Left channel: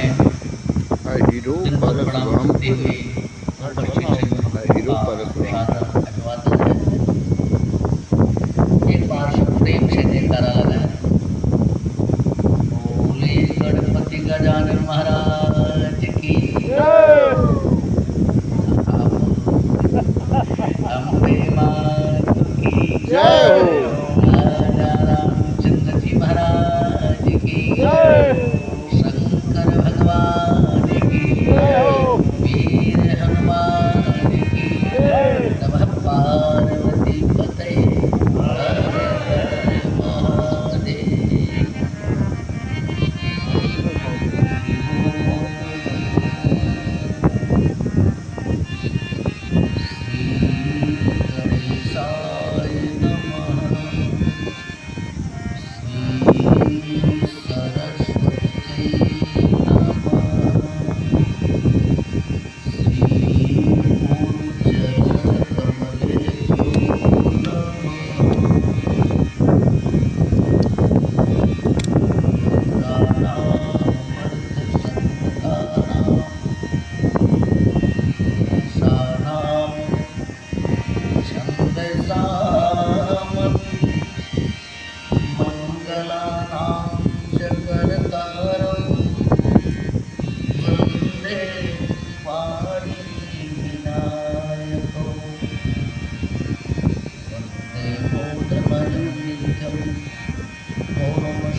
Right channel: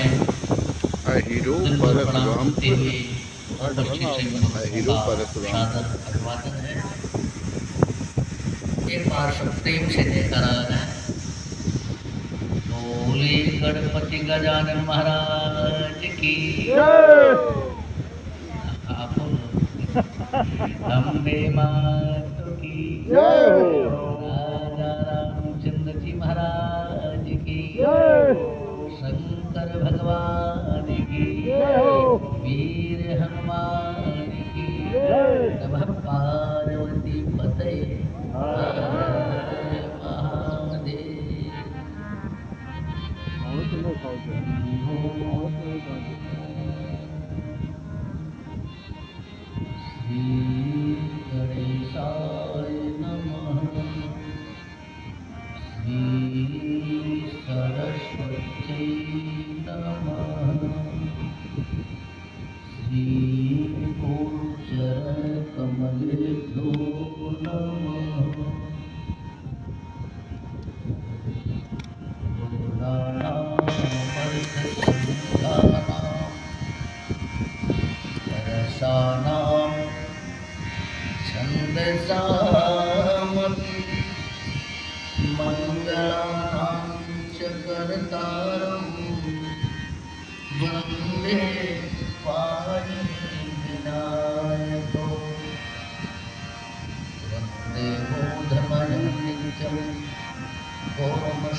Hero Parshuram hero Parshuram अभिवादन है। एक बार सब प्रेम से जयकारा लगाएं। बोले गणपति गजानन महाराज की अम्बे मात की जय हो। राजा रामचंद्र जी महाराज की शंकर भगवान की वीर हनुमान की नमः पार्वती पते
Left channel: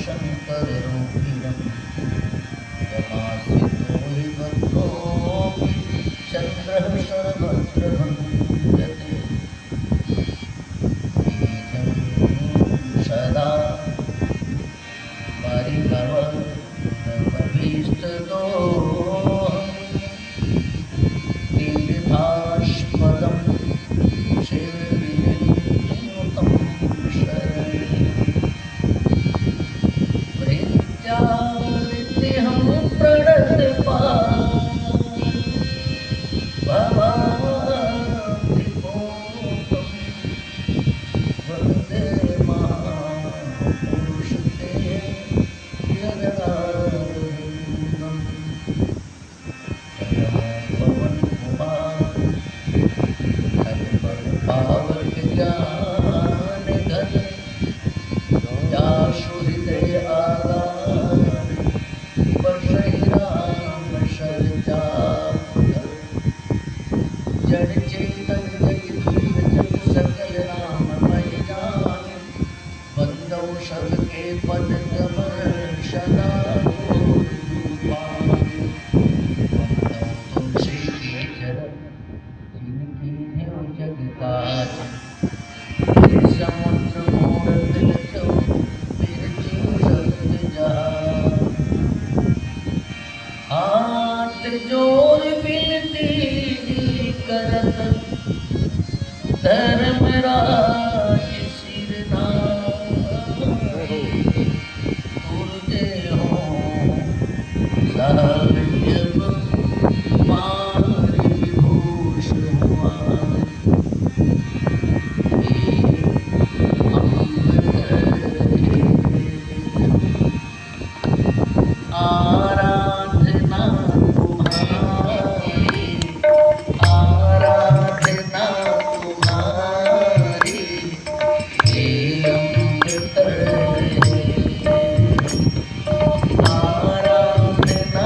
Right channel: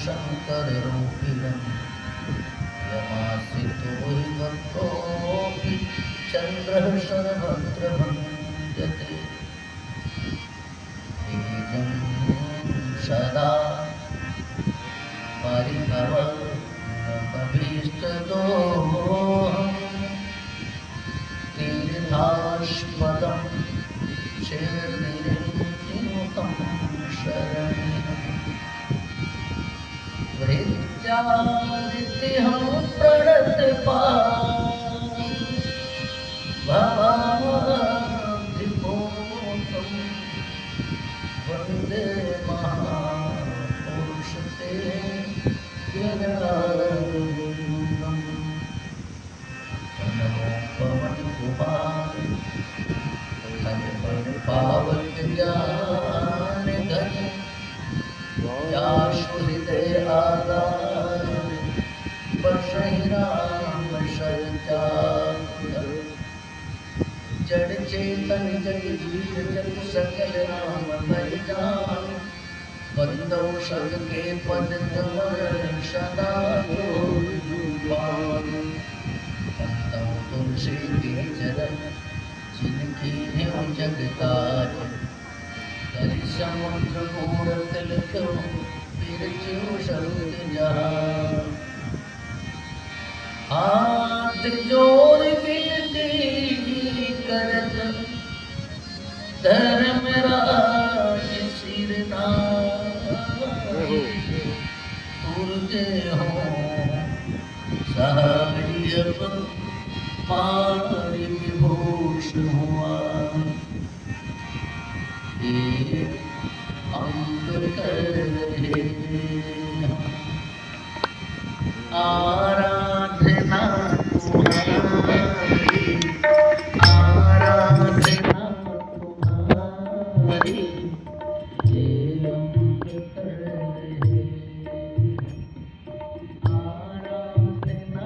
शंकर रूपिणं यमासितो हि भद्रोऽपि चन्द्रः शरभद्रभञ्जते तेजं सदा परिभवनमभीष्टदोहं तीर्थास्पदं शिवगिरिमुखं शरणं प्रणतपाल भवाब्धिपूतं वन्दे महापुरुषते यदानन्दं नमो पवन कुमार हर पल पावन ज्ञान धन याशु हृदय आधार बसहि राम सरचार जड़ चेतन जग जीव जग सकल राम हरि जान बंदो सबके पद कमल सदा बंदो तुलसी के चरण जिनकी है जगतार समुद्र मोर तिलको तिरछो शब्द जहाँ हाथ जोड़ विनती करत धर्मराज सिर नाई तुरते हो साजब मारी विभूष हुआ आराधना तुम्हारी आराधना तुम्हारी हे अमृत आराधना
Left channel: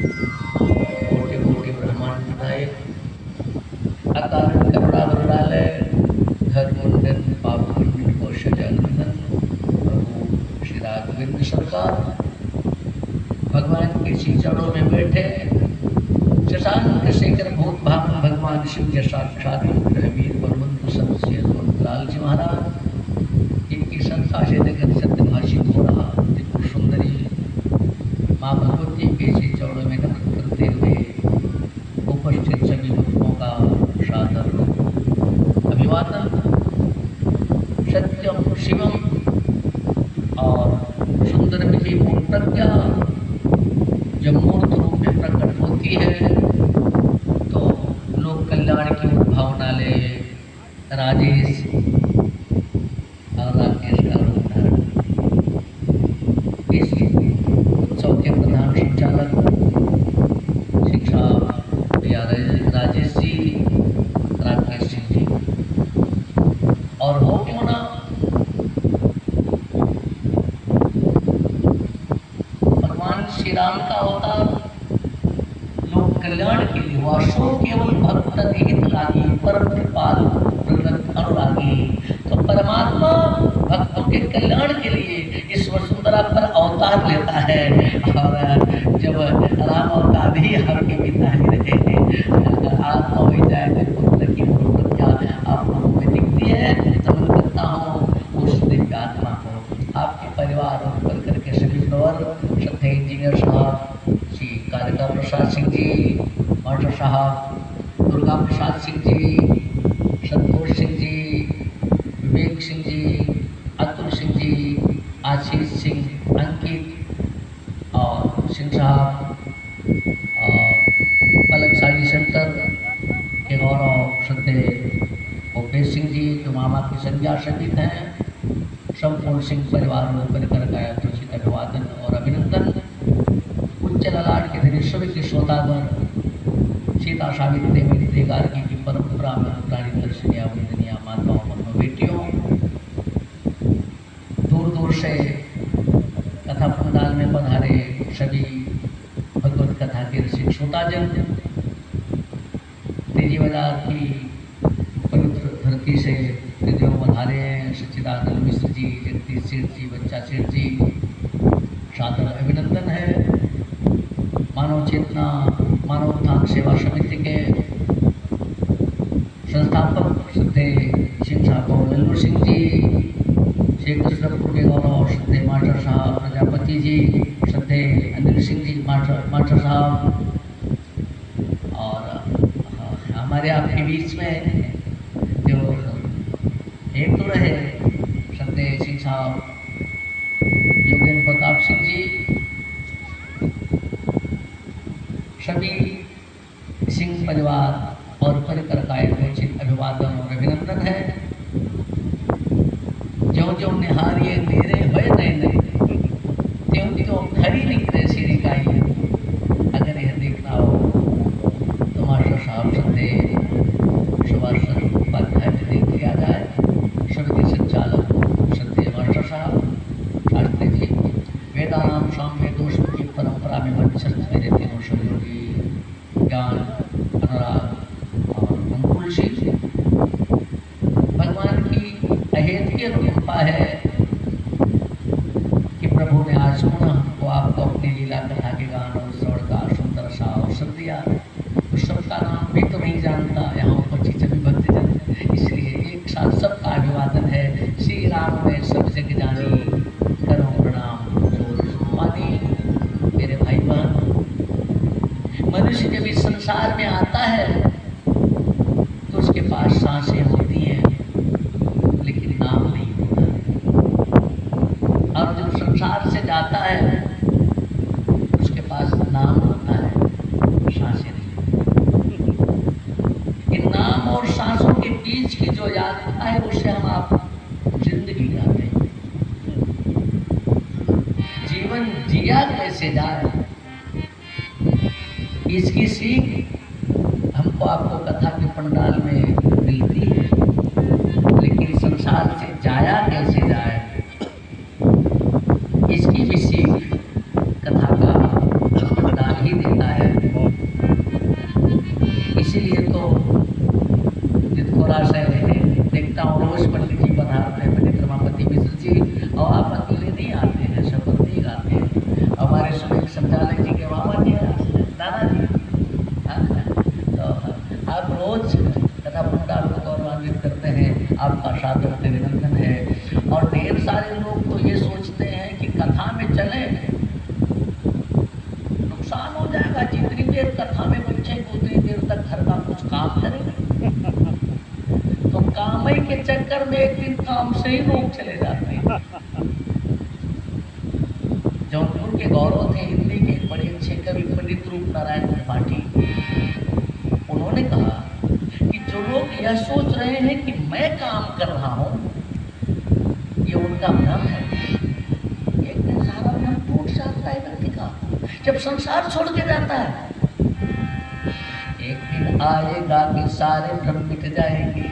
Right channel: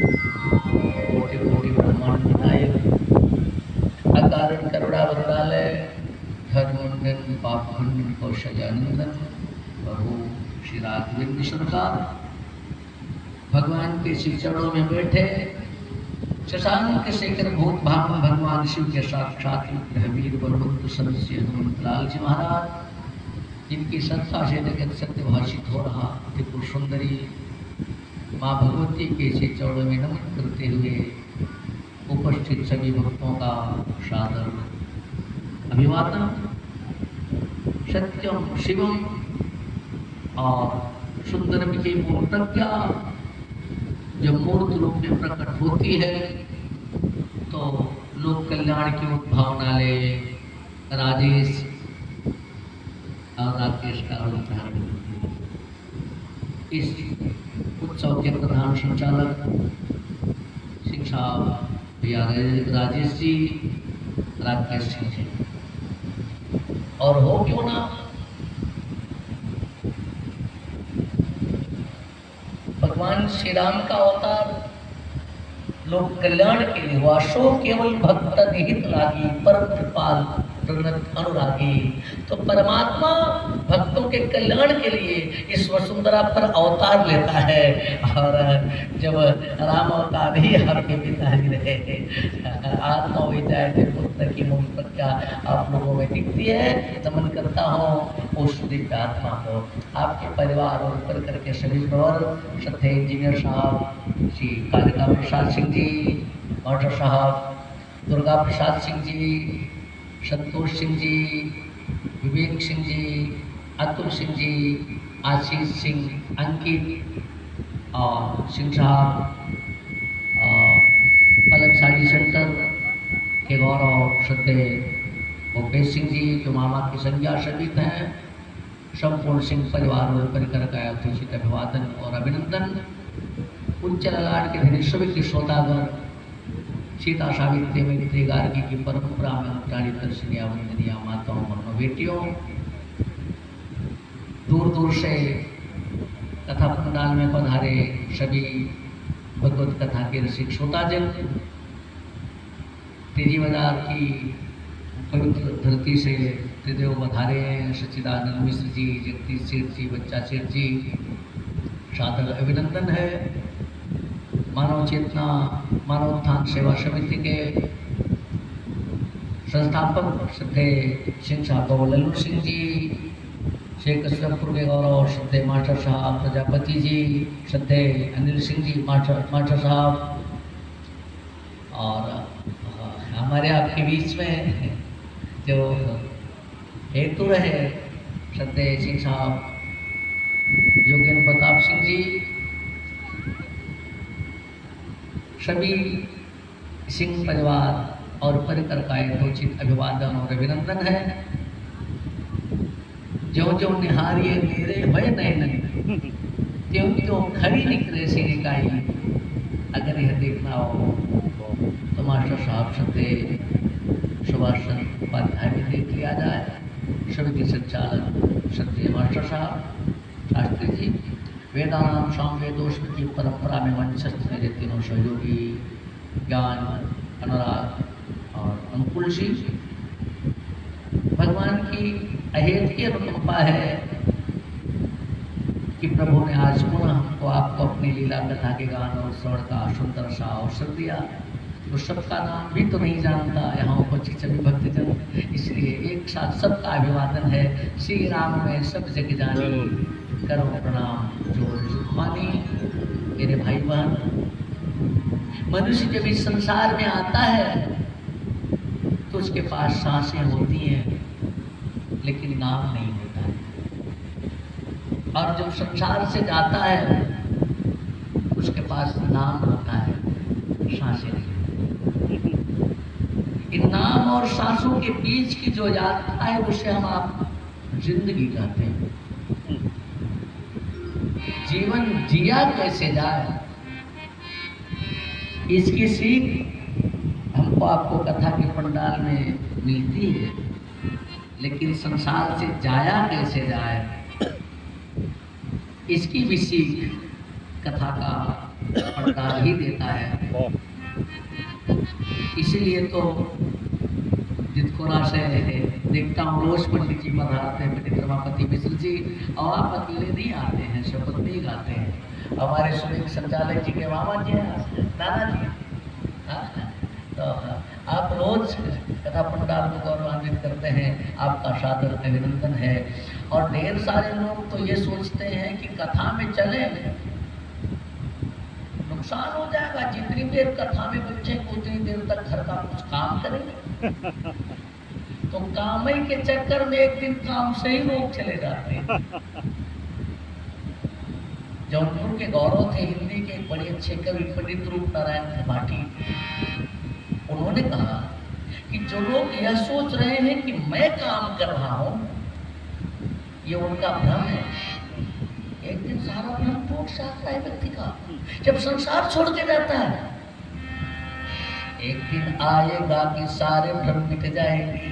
कोटि कोटि ब्रह्मांड विनायक अकारण करुणा वरुणालय धर्मोन्नत पाप पुण्य विमोक्ष जानंदन प्रभु श्री राघवेंद्र सरकार भगवान के श्री चरणों में बैठे शशांक शेखर भूत भावन भगवान शिव के साक्षात वीर बलवंत सदस्य लाल जी महाराज जिनकी संस्था से जगत सत्य भाषित हो रहा त्रिपुर सुंदरी माँ भगवती के श्री चरणों में नमन करते हुए उपस्थित सभी भक्तों का सादर अभिवादन। सत्यम शिवम और सुंदरम की पूर्ण प्रज्ञा जब मूर्त रूप में प्रकट होती है तो लोक कल्याण की भावना ले राजेश और राकेश का रूप धारण। इस उत्सव के प्रधान संचालक शिक्षा भैया राजेश जी, राकेश जी, और हो क्यों ना भगवान श्री राम का अवतार लोक कल्याण के लिए हुआ। सो केवल भक्त निहित लागी परम कृपाल प्रगत अनुरागी। तो परमात्मा भक्तों के कल्याण के लिए इस वसुंधरा पर अवतार लेता है। और जब राम अवतार ही आपके पिता जी रहे थे, आत्मा हो जाए पुत्र की मूल प्रज्ञा आप लोगों में दिखती है। नमन करता हूँ उस दिव्य आत्मा को। आपके परिवार और परिकर के सभी प्रवर श्रद्धेय इंजीनियर साहब श्री कालिका प्रसाद सिंह जी, मास्टर साहब दुर्गा प्रसाद सिंह जी, संतोष सिंह जी, विवेक सिंह जी, अतुल सिंह जी, आशीष सिंह, अंकित और सिंह साहब, पलक साड़ी सेंटर के गौरव श्रद्धेय भूपेश सिंह जी जो मामा की संज्ञा शरीक हैं, संपूर्ण सिंह परिवार और परिकर का उचित अभिवादन और अभिनंदन। उच्च ललाट के धनी सभी के श्रोतागण सीता सावित्री मैत्री गार्गी की परंपरा में अनुप्राणी दर्शनीय वंदनीय माताओं बहनों बेटियों, दूर दूर से कथा पंडाल में पधारे सभी भगवत कथा के रसिक श्रोताजन, तेजी बाजार की पवित्र धरती से हृदयों पधारे हैं सच्चिदानंद मिश्र जी, जगदीश सेठ जी, बच्चा सेठ जी, सादर अभिनंदन है। मानव चेतना मानव उत्थान सेवा समिति के संस्थापक श्रद्धेय सिंह साहब लल्लू सिंह जी, शेख कसरतपुर के गौरव श्रद्धेय मास्टर साहब प्रजापति जी, श्रद्धेय अनिल सिंह जी मास्टर साहब, और हमारे आपके बीच में जो एक तो रहे श्रद्धेय सिंह साहब योगेंद्र प्रताप सिंह जी, सभी सिंह परिवार और परिकर का एक उचित अभिवादन और अभिनंदन है। जो जो निहारिये मेरे भय नहीं त्यों त्यों खड़ी निकले सिरिकाई। अगर यह देखना हो तो मास्टर साहब श्रद्धेय सुभाष चंद्र उपाध्याय में देख लिया जाए। सभी के संचालक श्रद्धेय मास्टर साहब शास्त्री जी, वेदानाम शाम वेदोष की परंपरा में वंशस्थ मेरे तीनों सहयोगी ज्ञान, अनुराग और अंकुल सिंह। भगवान की अहेतुकीय अनुकंपा है कि प्रभु ने आज पुनः हमको आपको अपनी लीला कथा के गान और श्रवण का सुंदर सा अवसर दिया। तो सबका नाम भी तो नहीं जानता, यहाँ उपस्थित सभी भक्तजन, इसलिए एक साथ सबका अभिवादन है। श्री राम में सब जग जानी, करो प्रणाम जो पानी। मेरे भाई बहन, मनुष्य जब इस संसार में आता है तो उसके पास सांसें होती हैं लेकिन नाम नहीं होता, और जब संसार से जाता है उसके पास नाम होता है, सांसें नहीं। इन नाम और सांसों के बीच की जो यात्रा है उसे हम आप जिंदगी कहते हैं। जीवन जिया कैसे जाए, इसकी सीख हमको आपको कथा के पंडाल में मिलती है, लेकिन संसार से जाया कैसे जाए इसकी भी सीख कथा का पंडाल ही देता है। इसीलिए तो जितखोरा से देखता हूँ रोज पंडित जी पधारते हैं, पंडित रमापति मिश्र जी, और आप अकेले नहीं आते हैं, शपथ नहीं गाते हैं। हमारे सुनिक संचालक जी के मामा जी दादाजी, तो आप रोज कथा पंडाल को गौरवान्वित करते हैं, आपका सादर अभिनंदन है। और ढेर सारे लोग तो ये सोचते हैं कि कथा में चले नुकसान हो जाएगा, जितनी देर कथा में बच्चे उतनी देर तक घर का कुछ काम करें, तो कामई के चक्कर में एक दिन काम से ही लोग चले जाते हैं। जौनपुर के गौरव थे हिंदी के बड़े अच्छे कवि पंडित रूप नारायण त्रिपाठी, उन्होंने कहा कि जो लोग यह सोच रहे हैं कि मैं काम कर रहा हूं, ये उनका भ्रम है। एक दिन सारा भ्रम टूट जाता है व्यक्ति का जब संसार छोड़ के जाता है। एक दिन आएगा कि सारे भ्रम मिट जाएंगे,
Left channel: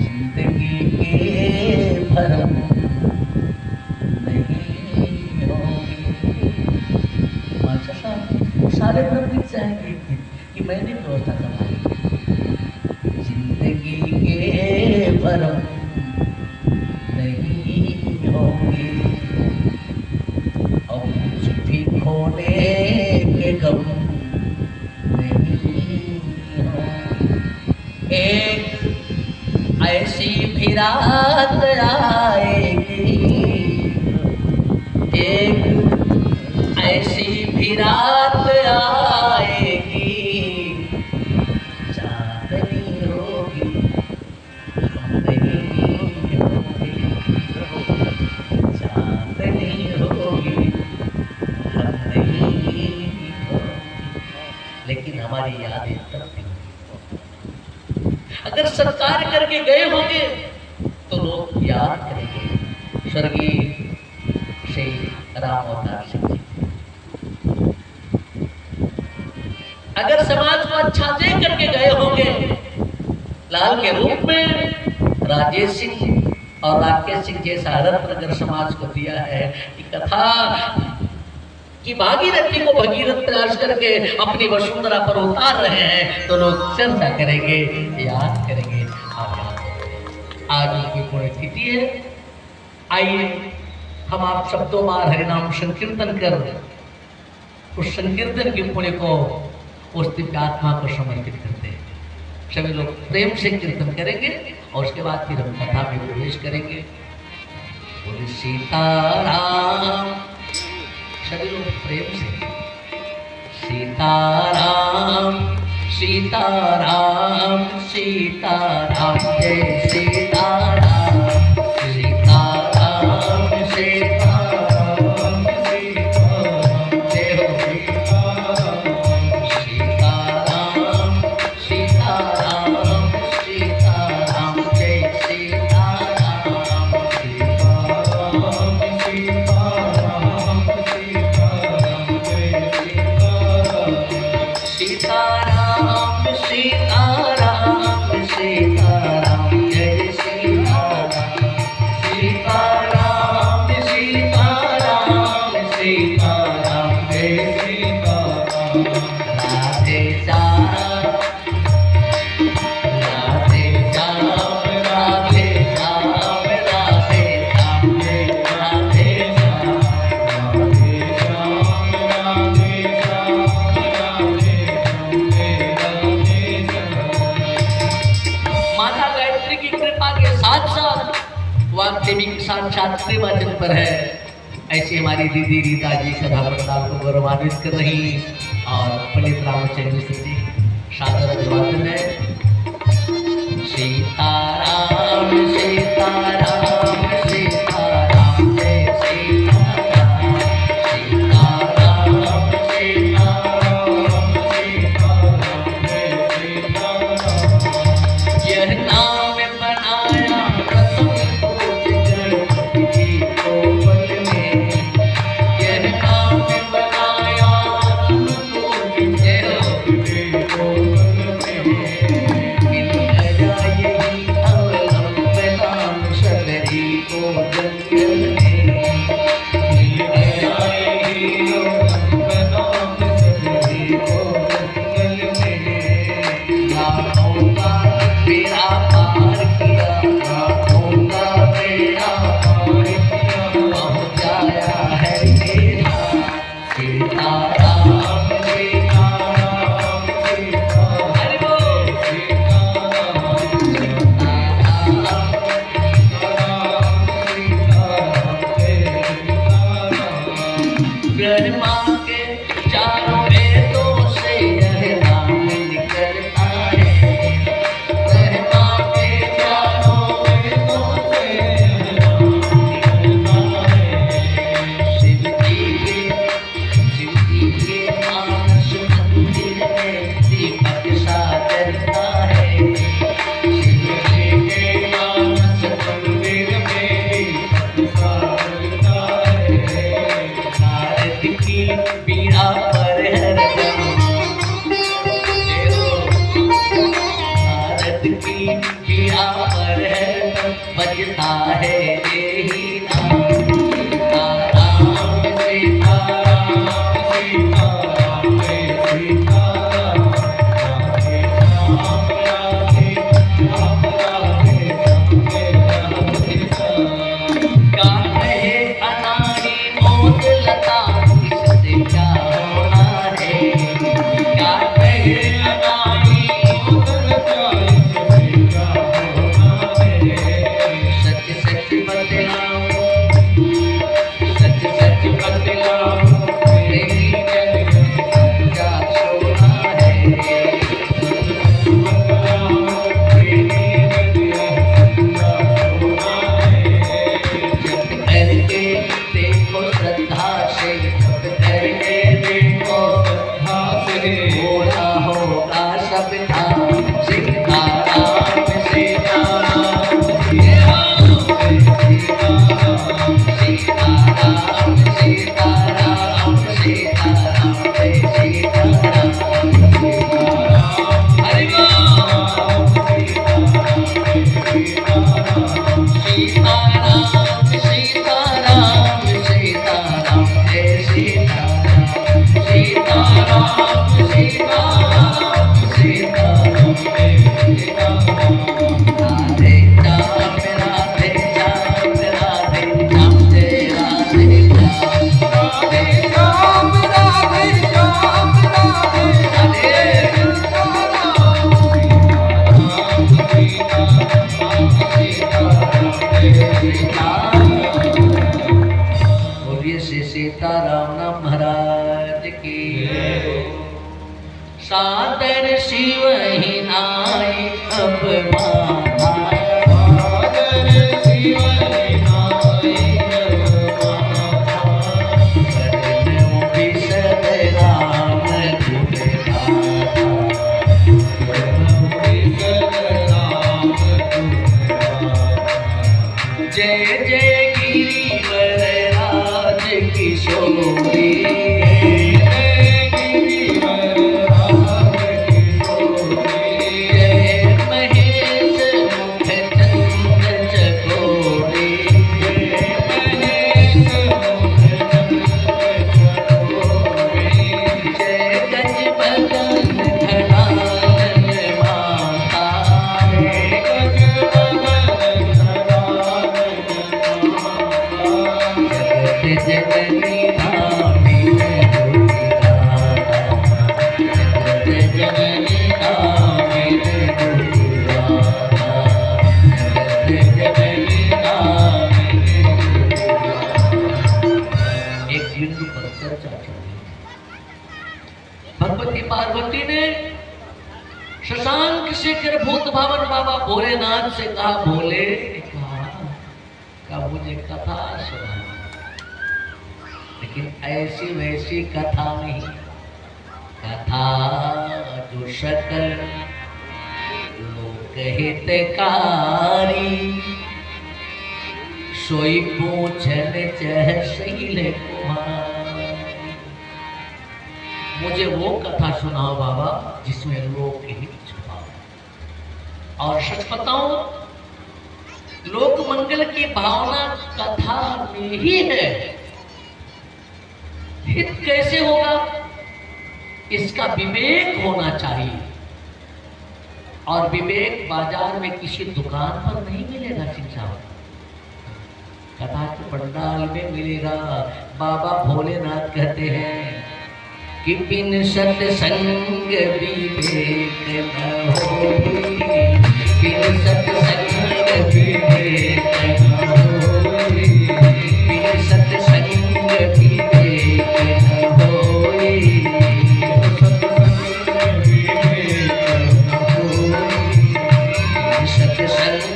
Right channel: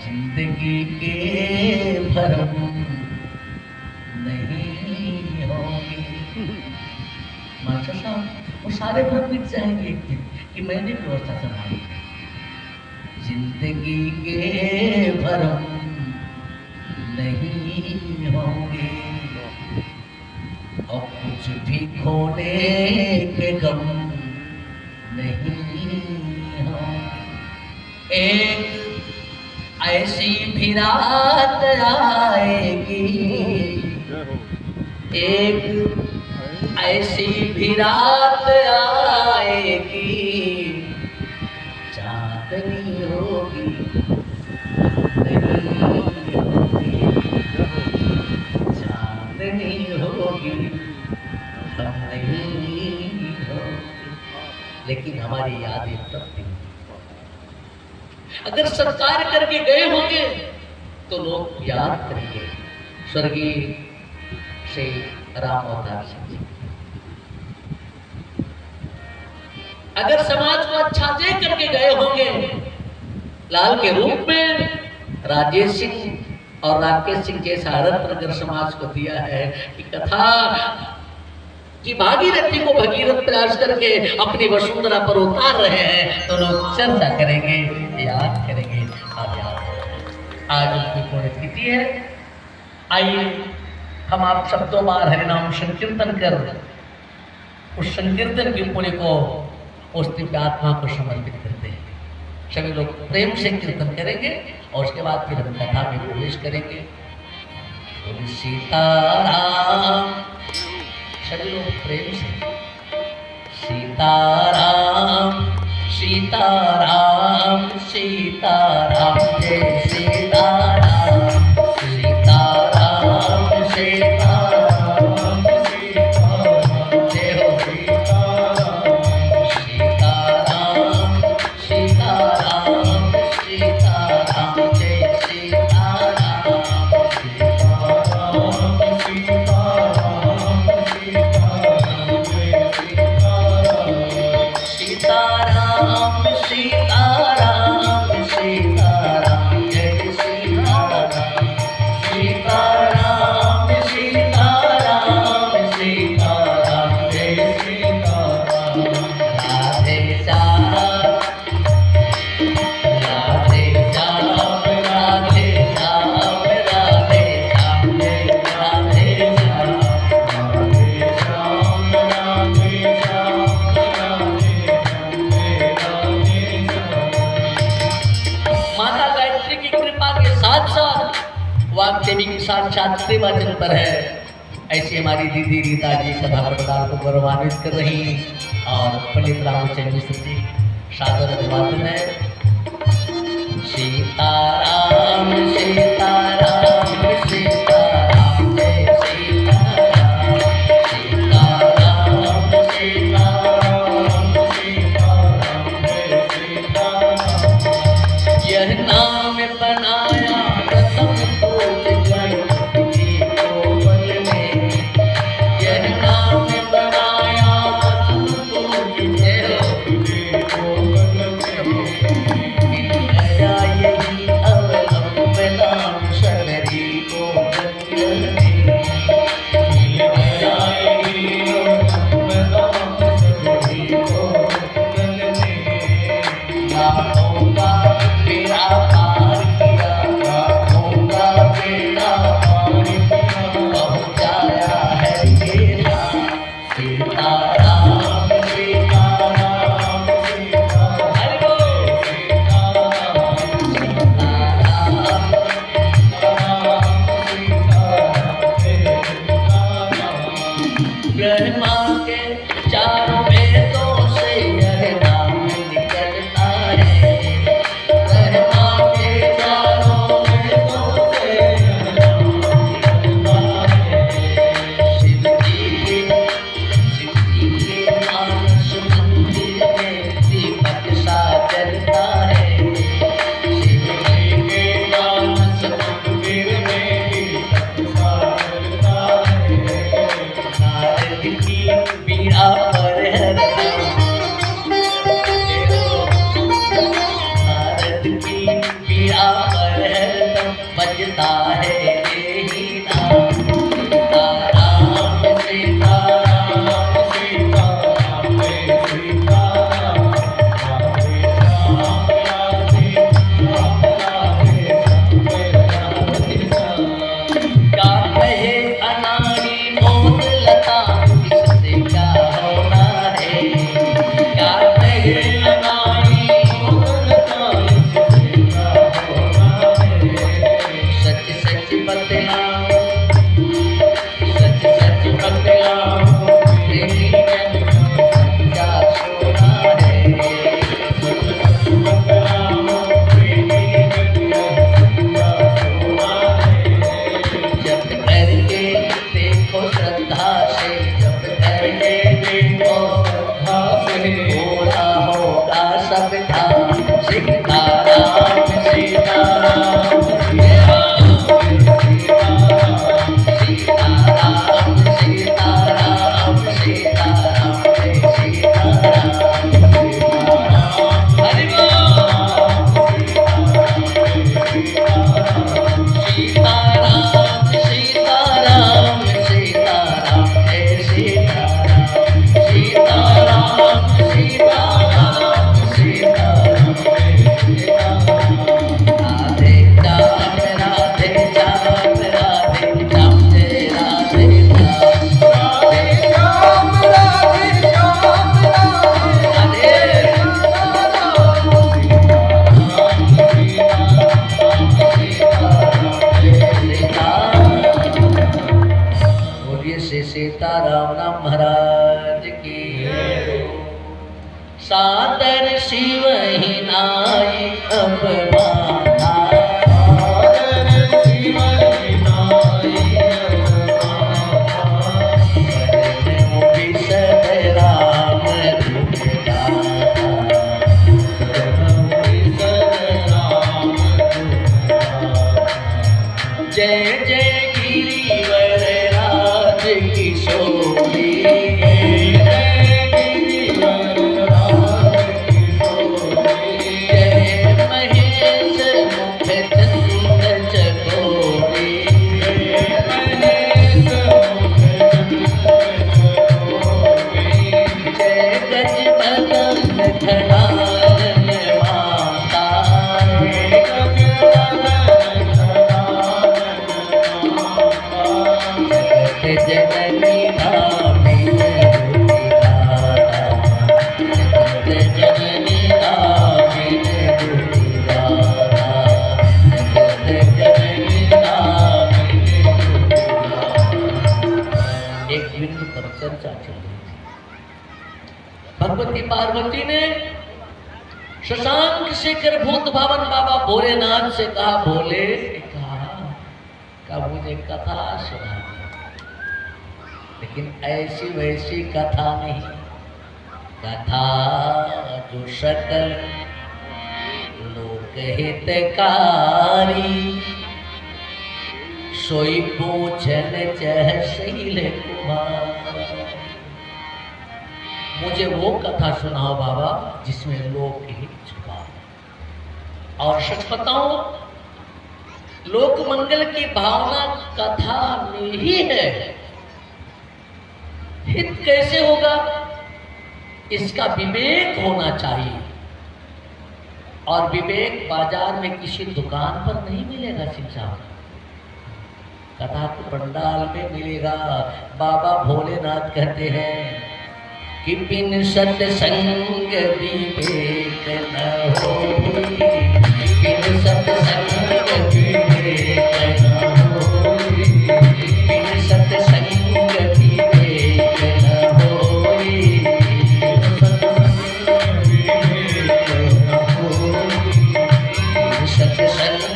जिंदगी के भ्रम नहीं होंगे। मास्टर साहब, वो सारे भ्रम मिट जाएंगे एक दिन, कि मैंने व्यवस्था करा। जिंदगी के भ्रम नहीं होंगे और कुछ भी खोने के गम नहीं होंगे। एक ऐसी भी रात आएगी, एक ऐसी भी रात आएगी, चांदनी होगी नहीं होगी, चांदनी होगी हम नहीं होगी, लेकिन हमारी यादें तब नहीं। अगर सत्कार करके गए होंगे तो लोग याद करेंगे। स्वर्गीय श्री राम अवतार सिंह जी, अगर समाज को अच्छा दे करके गए होंगे, लाल के रूप में राजेश सिंह और राकेश सिंह जैसा रत्न अगर समाज को दिया है कि कथा की भागीरथी को भगीरथ प्रयास करके अपनी वसुंधरा पर उतार रहे हैं, तो लोग चर्चा करेंगे, याद करेंगे। आज की पुण्यतिथि है, आइए हम आप शब्दों बार हरिनाम संकीर्तन कर उस संकीर्तन के पुण्य को उस दिव्य आत्मा को समर्पित करते हैं। सभी लोग प्रेम से कीर्तन करेंगे और उसके बाद फिर हम कथा में प्रवेश करेंगे। बोलिए सीताराम, सभी लोग प्रेम से सीताराम सीताराम सीताराम, जय सीताराम सीताराम सीताराम सीताराम, जय हो सीताराम सीताराम सीताराम सीताराम, जय सीताराम सीताराम सीताराम सीताराम, जय सीताराम। नाचते वाचन पर है। ऐसे हमारी दीदी रीता जी सदा प्रदान को गौरवान्वित कर रही और पंडित रामचंद्र मिश्र जी सादर अभिवादन है। सीताराम सीताराम सीताराम जय सीताराम सीताराम सीताराम सीताराम जय सीताराम। यह नाम बनाया प्रथम फूल गणपति कोमल में। यह नाम बनाया प्रथम फूल गणपति कोमल में। दया यही अवलंबनाम शबरी को जंगल में। दया यही अवलंबनाम शबरी को जंगल में। लाखों का बेड़ा पार किया, लाखों का बेड़ा पार किया, पहुँचाया है मेरा सीताराम सीताराम सीताराम। हरि बोल सीताराम ब्रह्मा के चारों वेदों से यह नाम निकलता है। ब्रह्मा के चारों वेदों से यह नाम निकलता है। शिव जी के मानस मंदिर में दीपक सा जलता है। शिव जी के मानस मंदिर में दीपक सा जलता है। नारद की बीड़ा पर हरदम, नारद की बीड़ा पर हरदम बजता है यही नाम सीताराम सीताराम सीताराम जय सीताराम। राधे राधे राधे राधे राधे राधे। का कहे अनाड़ी मोर लता किससे क्या होना है। का कहे अनाड़ी मोर लता किससे क्या होना है। सच सच बतलाओ, सच सच बतलाओ, यही जग में सच्चा सोना है। सच सच बतलाओ, यही जग में सच्चा सोना है। जब करके देखो श्रद्धा से, जब करके देखो श्रद्धा से, पूरा होगा सब काम। सीताराम सीताराम सीताराम सीताराम सीताराम सीताराम जय सीताराम सीताराम। हरि बोल सीताराम सीताराम सीताराम जय सीताराम सीताराम सीताराम सीताराम जय सीताराम। राधे श्याम राधे श्याम राधे श्याम जय राधे श्याम राधे श्याम राधे श्याम राधे बोलिए श्री सीताराम नाम महाराज की। सादर शिव ही नाई अब माना, सादर शिव ही नाई अब माना। शरण विशद राम दुखदाता, शरण विशद राम दुखदाता। जय जय गिरिवर राज किशोरी, जय गिरिवर राज किशोरी। जय महेश मुख चंद्र चकोरी, जय महेश मुख चंद्र चकोरी। जय गज बदन खड़ालन माता, जय गज बदन खड़ालन माता। जगत जननी भाभी दुर्गाता, जगत जननी भाभी दुर्गाता, जगत जननी भाभी दुर्गाता। चर्चा चल रही थी। भगवती पार्वती ने शशांक शेखर भूत भावन बाबा भोलेनाथ से कहा, भोले कहा मुझे कथा सुना, लेकिन ऐसी वैसी कथा नहीं, कथा जो सकल लोक हितकारी, सोई पूछन चह शैल कुमार। मुझे वो कथा सुनाओ बाबा जिसमें लोक हित छुपा हो। और सच बताओ, लोक मंगल की भावना कथा में ही है। हित कैसे होगा, इसका विवेक होना चाहिए, और विवेक बाजार में किसी दुकान पर नहीं मिलेगा शिक्षा, कथा के पंडाल में मिलेगा। बाबा भोलेनाथ कहते हैं कि बिन सत्संग विवेक न होई, बिन सत्संग विवेक न होई, बिन सत्संग विवेक न होई, सत्संग विवेक न होई, सत्संग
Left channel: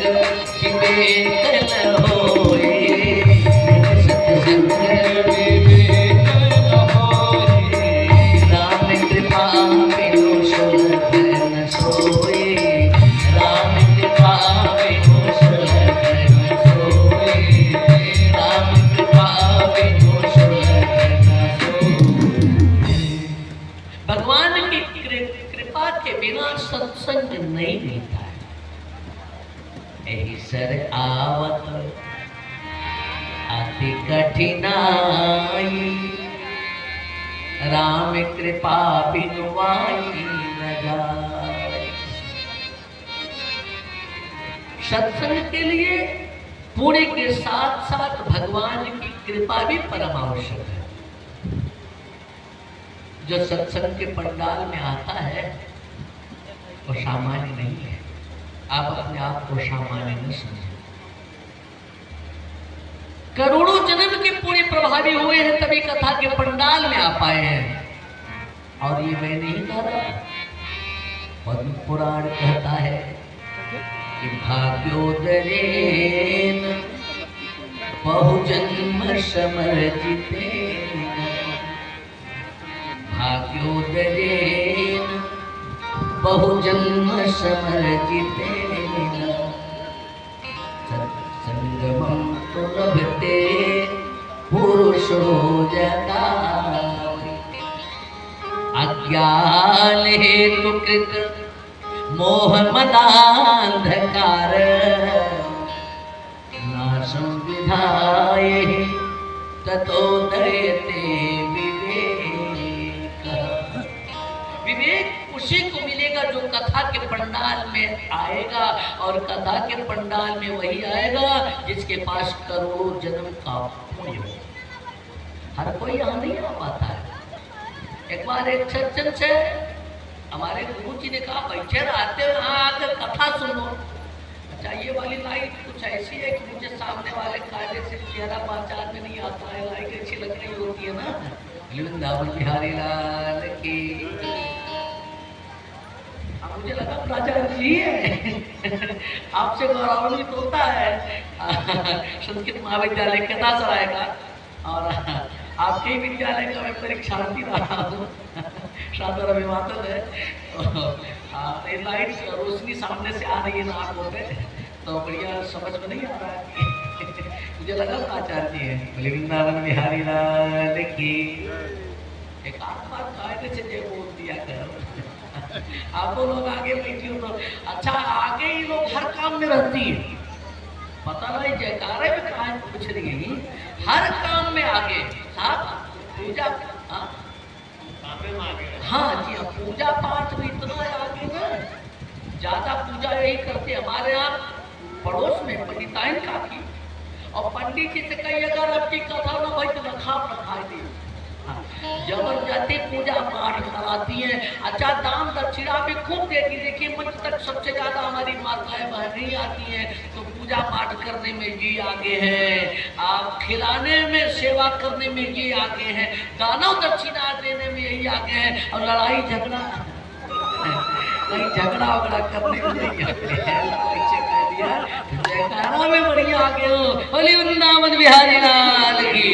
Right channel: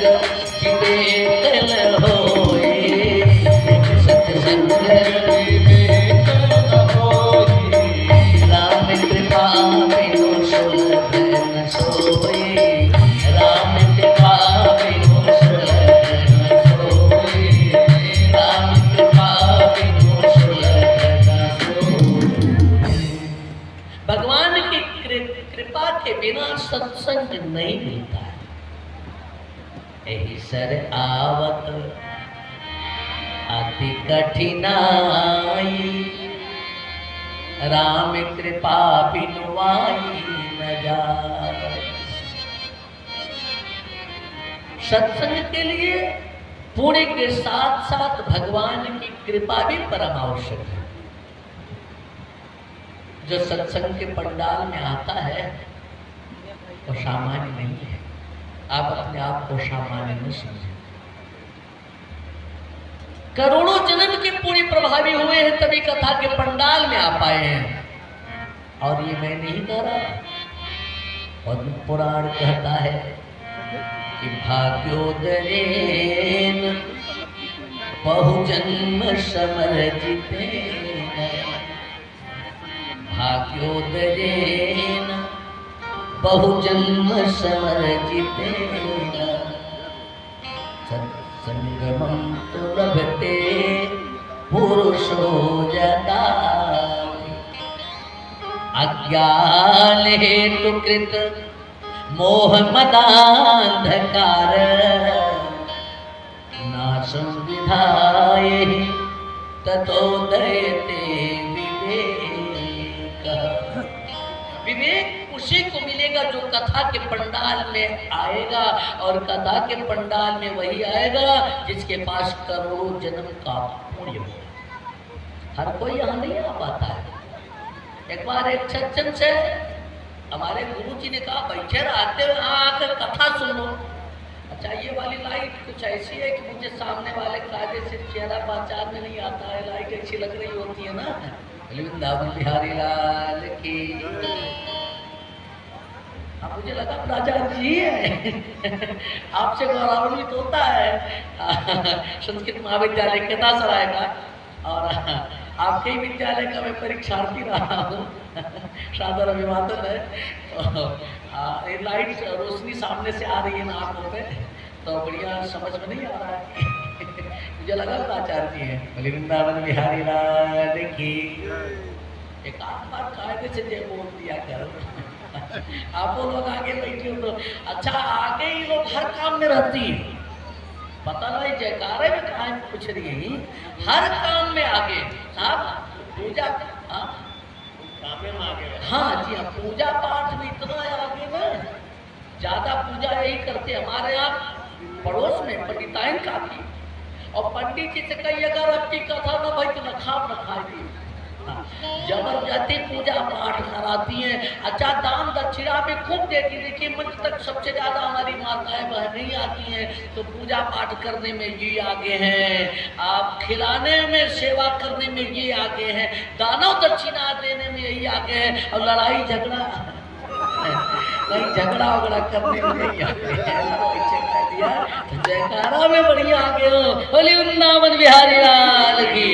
सत्संग नहीं मिलता है। यही सर आवत अति कठिनाई, राम कृपा बिनुआई न जाए। सत्संग के लिए पुण्य के साथ साथ भगवान की कृपा भी परम आवश्यक है। जो सत्संग के पंडाल में आता है वो सामान्य नहीं है। आप अपने आप को सामान्य नहीं समझे। करोड़ों जन्म के पुण्य प्रभावी हुए हैं तभी कथा के पंडाल में आ पाए हैं। और ये मैं नहीं कह रहा, पद्म पुराण कहता है कि भाग्योदयेन बहुजन्म समर्जितेन, भाग्योदयेन बहुजन्म समर्जितेन, सत्संगमं तु लभते पुरुषो यदा, अज्ञान हेतु कृत मोह मदांधकार, नाशं विधाय ततोदयते विवेक। विवेक उसी को मिलेगा जो कथा के पंडाल में आएगा, और कथा के पंडाल में वही आएगा जिसके पास करोड़ों जन्म का पुण्य हो। हर कोई यहाँ नहीं आ पाता है। एक बार एक सज्जन से हमारे गुरु जी ने कहा, बैठे रहते हो यहाँ आकर कथा सुनो। अच्छा, ये वाली लाइट कुछ ऐसी है कि मुझे सामने वाले कायदे से चेहरा पहचान में नहीं आता है। लाइट अच्छी लग रही होती है ना। वृंदावन बिहारी लाल की। मुझे लगा राजा जी है। आपसे गौरवान्वित होता है संस्कृत महाविद्यालय केदासराय का, और आपके विद्यालय का मैं परीक्षार्थी रहा हूँ। सादर अभिवादन है। लाइट रोशनी सामने से आ रही है ना आंखों पे, तो बढ़िया समझ में नहीं आ रहा है। मुझे लगा आचार्य है। वृंदावन बिहारी लाल की। एक आध बार कायदे से जय बोल दिया कर। आप वो लोग आगे बैठे हो तो अच्छा, आगे ही लोग हर काम में रहती है। पता नहीं जयकारे में कहा पूछ रही है, हर काम में आगे। साहब पूजा, हाँ जी हाँ, पूजा पाठ में इतना आगे ना, ज्यादा पूजा यही करते हमारे यहाँ पड़ोस में पंडिताइन काफी। और पंडित जी से कई अगर आपकी कथा ना भाई तो लखा रखा जबरदस्त जाती, पूजा पाठ कराती हैं, अच्छा दान दक्षिणा भी खूब देती। देखिए मंच तक सबसे ज्यादा हमारी माताएं बहनें आती हैं, तो पूजा पाठ करने में ये आगे हैं, आप खिलाने में सेवा करने में ये आगे हैं, दाना दक्षिणा देने में यही आगे हैं, और लड़ाई झगड़ा वगड़ा करने में यही आगे हैं। जयकारा में बढ़िया आगे हो, बोली वृंदावन बिहारी लाल की।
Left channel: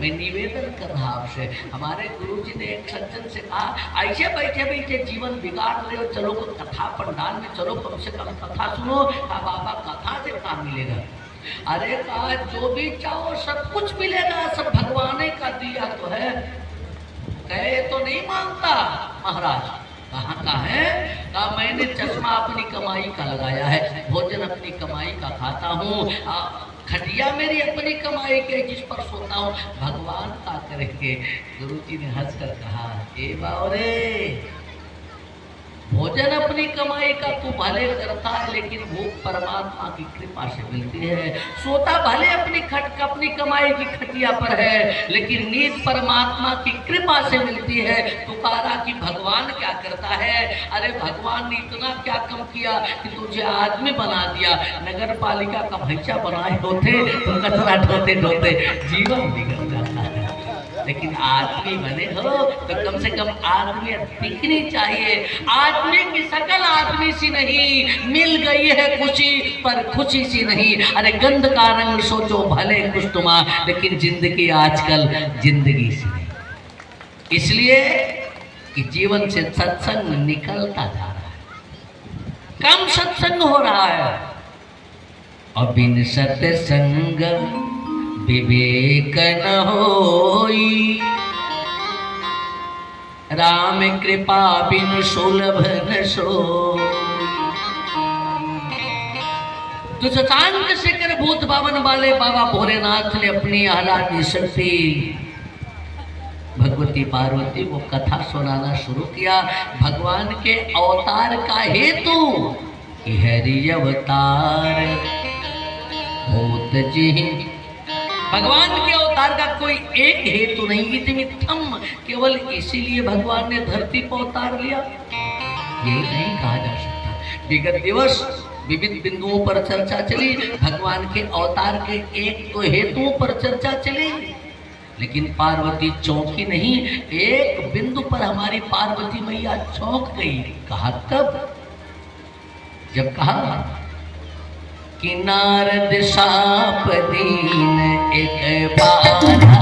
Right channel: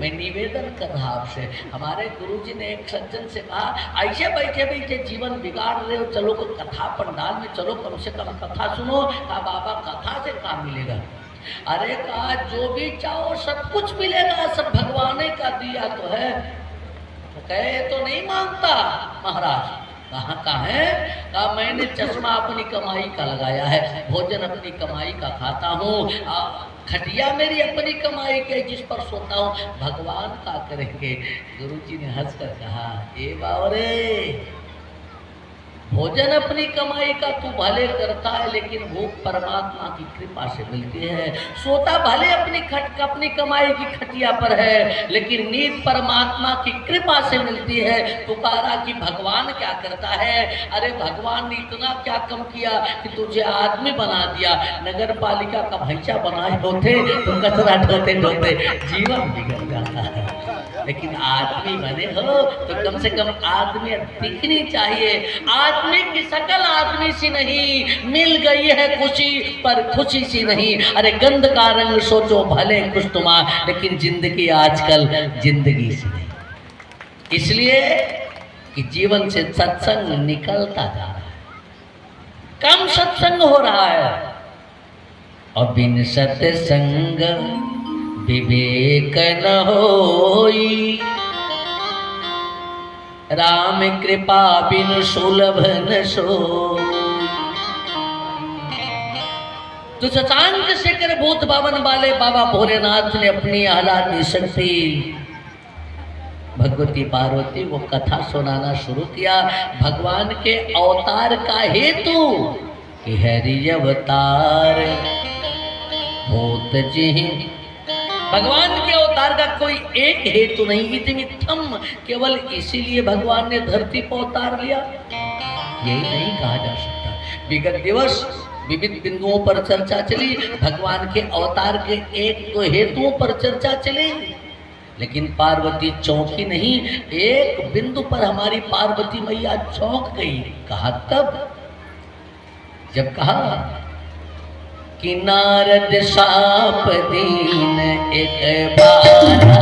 मैं निवेदन कर रहा आपसे, हमारे गुरुजी ने एक सज्जन से कहा, ऐसे बैठे बैठे जीवन बिगाड़ रहे हो, चलो कोई कथा पंडाल में चलो, कम से कम कथा सुनो। कहा बाबा कथा से काम मिलेगा? अरे कहा जो भी चाहो सब कुछ मिलेगा, सब भगवान का दिया तो है। कहे तो नहीं मानता महाराज, कहाँ का है? कहा मैंने चश्मा अपनी कमाई का लगाया है, भोजन अपनी कमाई का खाता हूँ, खटिया मेरी अपनी कमाई के जिस पर सोता हूँ, भगवान का करेंगे। गुरुजी ने हंस कर कहा, ए बावरे, भोजन अपनी कमाई का तू भले करता है, लेकिन भूख परमात्मा की कृपा से मिलती है। सोता भले अपनी कमाई की खटिया पर है, लेकिन नींद परमात्मा की कृपा से मिलती है। पुकारा कि भगवान क्या करता है? अरे भगवान ने इतना क्या कम किया कि तुझे आदमी बना दिया, नगर पालिका का भैंसा बनाए होते तो कचरा ढोते ढोते जीवन बिगड़ जाता है। लेकिन आदमी बने हो तो कम से कम आदमी दिखनी चाहिए। आदमी की शकल आदमी सी नहीं, मिल गई है खुशी पर खुशी सी नहीं। अरे गंध का रंग सोचो भले खुशनुमा, लेकिन जिंदगी आजकल जिंदगी सी नहीं। इसलिए कि जीवन से सत्संग निकलता जा रहा है, कम सत्संग हो रहा है। अबिन सत्संग विवेक न होई, राम कृपा बिन सुलभ न सोई। तो शशांक शेखर भूत बावन वाले बाबा भोलेनाथ ने अपनी आह्लादी से भगवती पार्वती को कथा सुनाना शुरू किया। भगवान के अवतार का हेतु कि हरि अवतार भूत जी, भगवान के अवतार का कोई एक हेतु नहीं, इतम केवल इसीलिए भगवान ने धरती पर अवतार लिया, यही नहीं कहा जा सकता। विगत दिवस विविध बिंदुओं पर चर्चा चली, भगवान के अवतार के एक तो हेतुओं पर चर्चा चली, लेकिन पार्वती चौंकी नहीं। एक बिंदु पर हमारी पार्वती मैया चौंक गई। कहा कब? जब कहा कि नारद साप दीन एक बारा,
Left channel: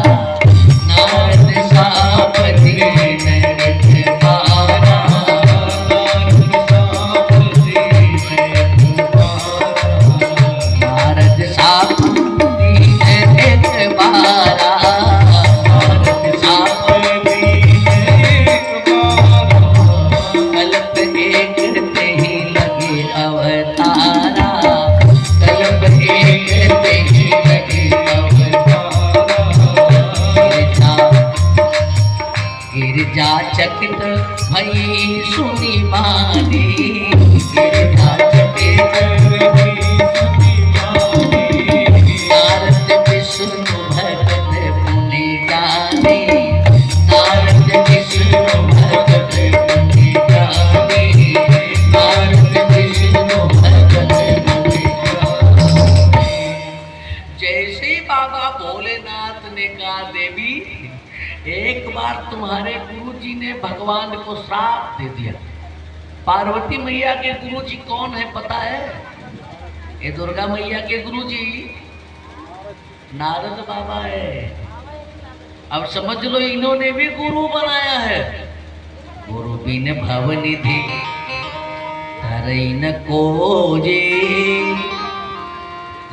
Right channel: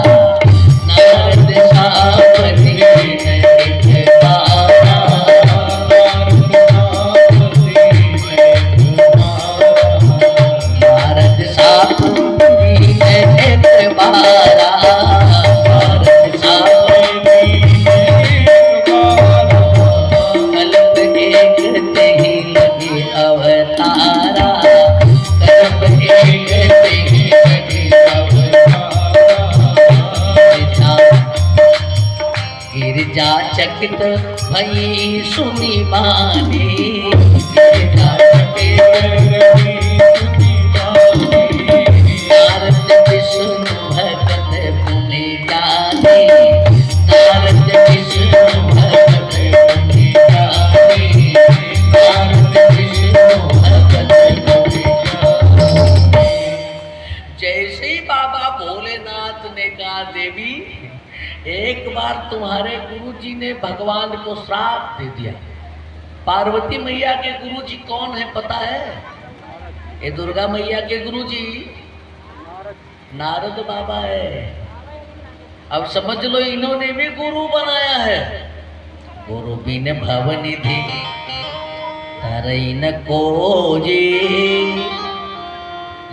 नारद साप दीन एक बारा, नारद साप दीन एक बारा, नारद साप दीन एक बारा, कल्प एक कहीं लगी अवतारा, गिरजा चकित भई सुनी बानी, गिरजा चकित भई सुनी बानी, नारद विष्णु भगत पुनि गाने, नारद विष्णु भगत पुनि गाने, नारद विष्णु भगत पुनि गाने। जैसे बाबा भोलेनाथ ने कहा, देवी एक बार तुम्हारे गुरुजी ने भगवान को श्राप दे दिया। पार्वती मैया के गुरुजी कौन है पता है? ये दुर्गा मैया के गुरुजी नारद बाबा है। अब समझ लो इन्होंने भी गुरु बनाया है। गुरु बिन भवनिधि धरई न कोजे,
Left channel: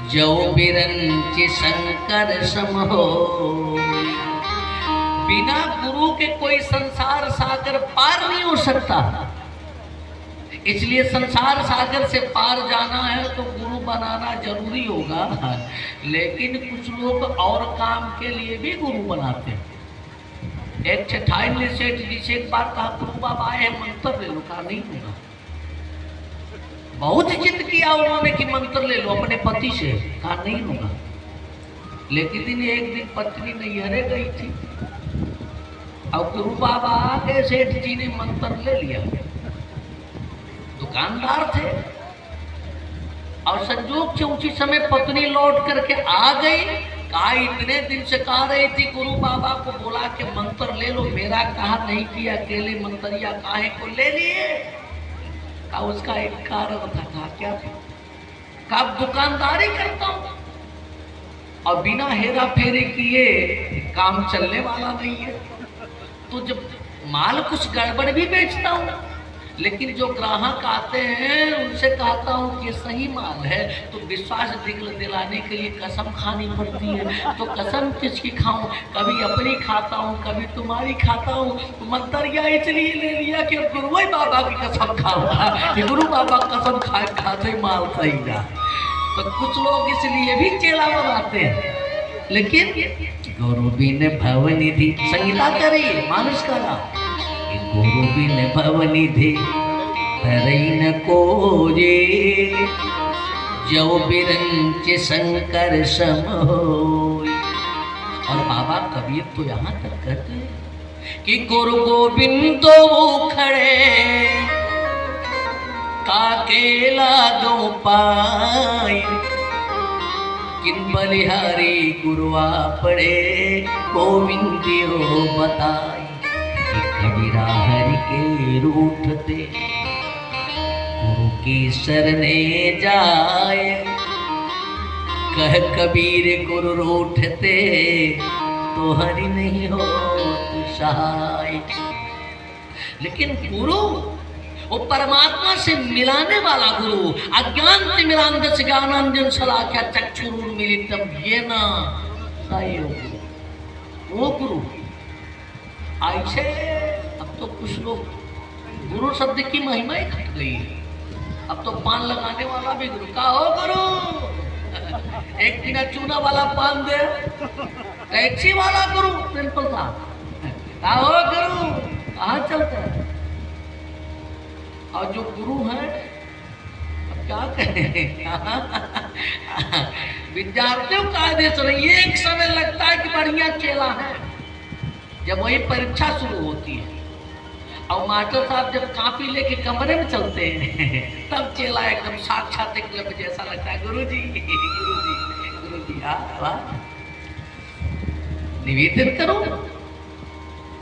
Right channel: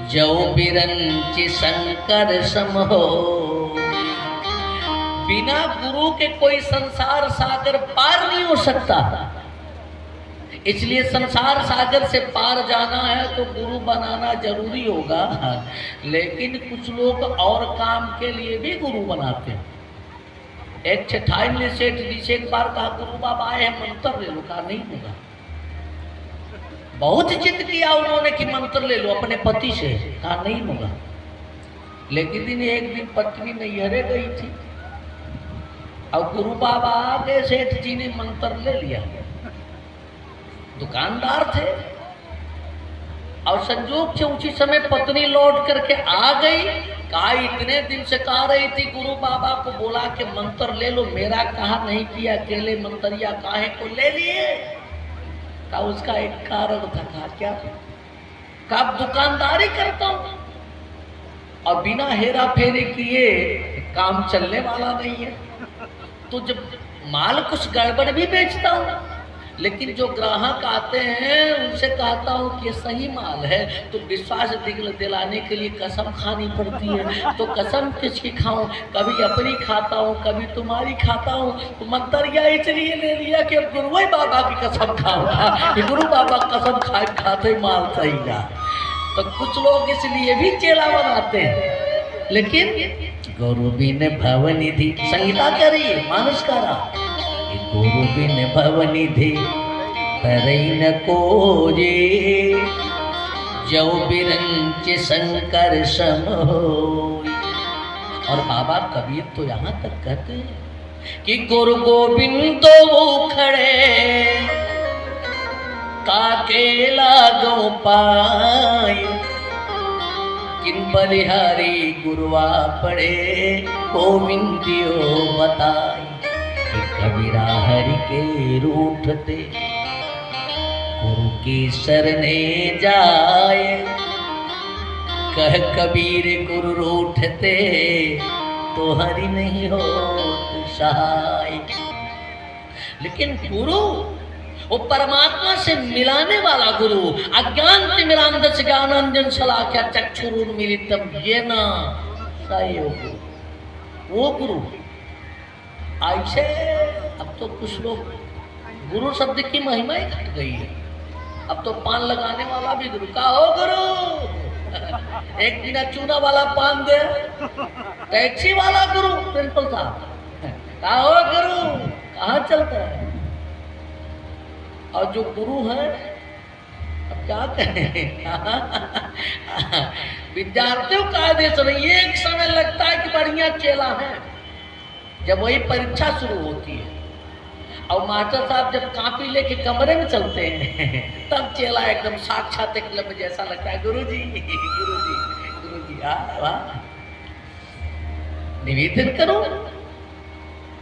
जो बिरंचि शंकर सम हो। बिना गुरु के कोई संसार सागर पार नहीं हो सकता। इसलिए संसार सागर से पार जाना है तो गुरु बनाना जरूरी होगा। लेकिन कुछ लोग और काम के लिए भी गुरु बनाते हैं। एक चठाई सेठ जी से एक बार कहा, गुरु बाबा आए हैं मंत्र ले लो। कहा नहीं होगा। बहुत जिद किया उन्होंने कि मंत्र ले लो अपने पति से। कहा नहीं होगा। लेकिन एक दिन पत्नी नैहरे गई थी, और गुरु बाबा के सेठ जी ने मंत्र ले लिया, दुकानदार थे, और संजोग से उसी समय पत्नी लौट करके आ गई। कहा इतने दिन से कह रही थी गुरु बाबा को बोला कि मंत्र ले लो, मेरा कहा नहीं किया, अकेले मंत्रिया काहे को ले लिए। कहा उसका एक कारण था। कहा क्या था? कहा दुकानदारी करता हूं और बिना हेरा फेरी किए काम चलने वाला नहीं है, तो जब माल कुछ गड़बड़ भी बेचता हूं, लेकिन जो ग्राहक आते हैं उनसे कहता हूं कि सही माल है, तो विश्वास दिलाने के लिए कसम खानी पड़ती है। तो कसम किसकी खाऊं? कभी अपनी खाता हूं, कभी तुम्हारी खाता हूं। तो मंतरिया इसलिए ले लिया कि गुरु बाबा की कसम खाऊंगा, गुरु बाबा कसम खाते माल सही जा। तो कुछ लोग इसलिए भी चेला बनाते हैं, लेकिन गुरु बिन भवनिधि संगीता करी मानस करा, गुरु बिन भवनिधि धरई न कोई, जो बिरंच शंकर सम होई। और बाबा कबीर तो यहाँ तक कहते हैं कि गुरु गोविंद खड़े काके लागो पाई, किन बलिहारी गुरुआ पड़े गोविंदियो बताए। कबीरा हरि के रूठते गुरु की शरणे जाए, कह कबीर गुरु रूठते तो हरि नहीं हो सहाय। लेकिन गुरु वो परमात्मा से मिलाने वाला गुरु, अज्ञान तिमिरांधस्य ज्ञानांजन शलाकया चक्षुरुन्मीलितम येन तस्मै वो गुरु। ऐसे अब तो कुछ लोग गुरु शब्द की महिमा ही घट गई है। अब तो पान लगाने वाला भी गुरु का हो गुरु, एक बिना चूना वाला पान दे, टैक्सी वाला गुरु, प्रिंसिपल साहब का हो गुरु, कहाँ चलता है। और जो गुरु है अब क्या कहें, विद्यार्थियों का आदेश नहीं, एक समय लगता है कि बढ़िया चेला है, जब वही परीक्षा शुरू होती है और मास्टर साहब जब कापी लेके कमरे में चलते हैं तब चेला एकदम साक्षात एकलव्य जैसा लगता है। गुरुजी गुरुजी निवेदन करो।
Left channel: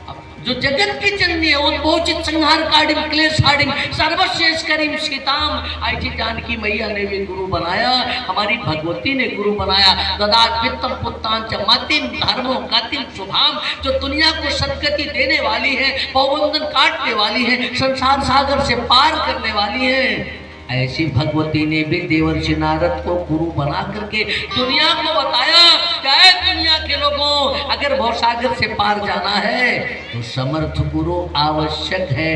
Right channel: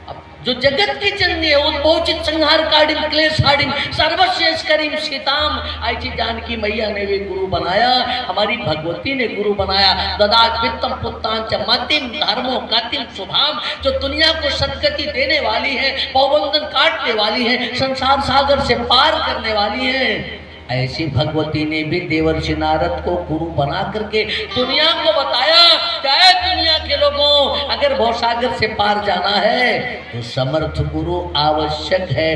अब जो जगत की जननी है उद्भवचित संहार काढ़िम क्लेश हाडिम सर्वश्रेष्ठ करीम सीताम, ऐसी जानकी मैया ने भी गुरु बनाया, हमारी भगवती ने गुरु बनाया। ददात वित्तम पुत्तांच मतिम धर्मो गतिम शुभाम, जो दुनिया को सदगति देने वाली है, पवबंधन काटने वाली है, संसार सागर से पार करने वाली है, ऐसी भगवती ने भी देवर्षि नारद को गुरु बना करके दुनिया को बताया क्या है, दुनिया के लोगों अगर भवसागर से पार जाना है तो समर्थ गुरु आवश्यक है।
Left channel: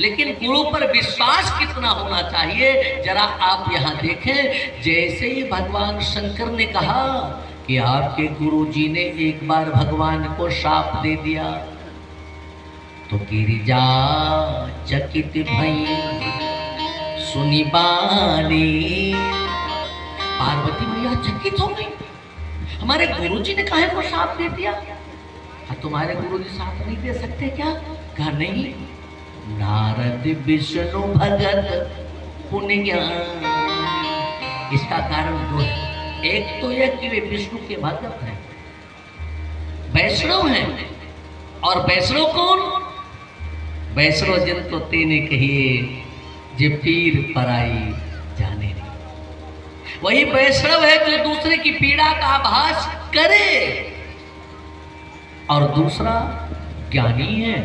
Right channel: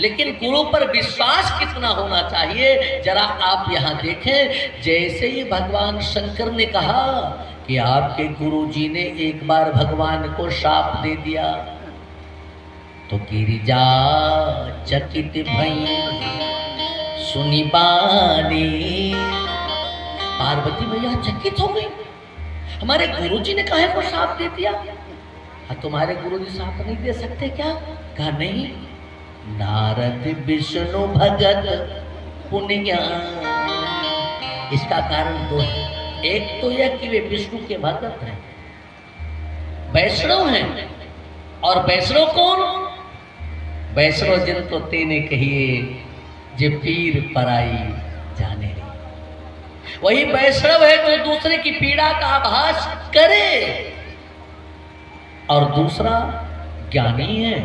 लेकिन गुरु पर विश्वास कितना होना चाहिए जरा आप यहाँ देखें। जैसे ही भगवान शंकर ने कहा कि आपके गुरु जी ने एक बार भगवान को शाप दे दिया तो गिरिजा चकित भई सुनी बानी, पार्वती मैया चकित हो गई, हमारे गुरुजी ने काहे को साथ दे दिया। तुम्हारे गुरुजी साथ नहीं दे सकते क्या? कहा नहीं, नारद विष्णु भगत पुण्य। इसका कारण दो है, एक तो यह कि वे विष्णु के भगत हैं, वैष्णव हैं। और वैष्णव कौन? वैष्णव जन तो तेने कहिए जे पीर पराई जाने, वही वैष्णव है जो दूसरे की पीड़ा का आभास करे। और दूसरा ज्ञानी है,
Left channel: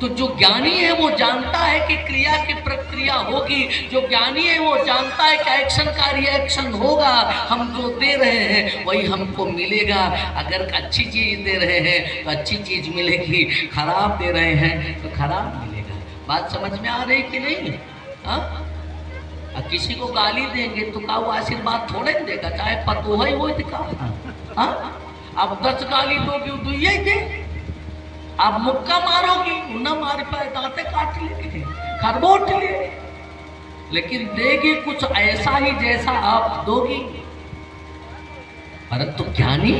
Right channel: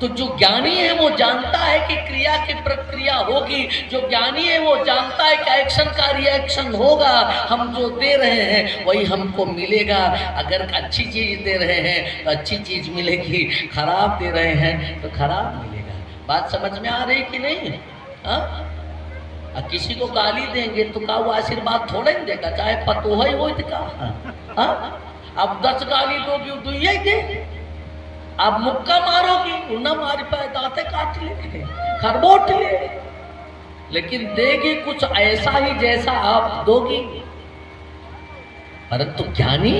तो जो ज्ञानी है वो जानता है कि क्रिया की प्रक्रिया होगी, जो ज्ञानी है वो जानता है कि एक्शन का रिएक्शन होगा, हम जो दे रहे हैं वही हमको मिलेगा। अगर अच्छी चीज दे रहे हैं तो अच्छी चीज मिलेगी, खराब दे रहे हैं तो खराब मिलेगा। बात समझ में आ रही कि नहीं? हाँ, किसी को गाली देंगे तो का वो आशीर्वाद थोड़ा ही देगा, चाहे पतो है वो दिखा। अब 10 गाली दोगी तो यही दे, अब मुक्का मारोगी उन्ना मार पाए, दांते काट लेंगे, खरबोट ले, लेकिन देगी कुछ ऐसा ही जैसा आप दोगी। अरे तो ज्ञानी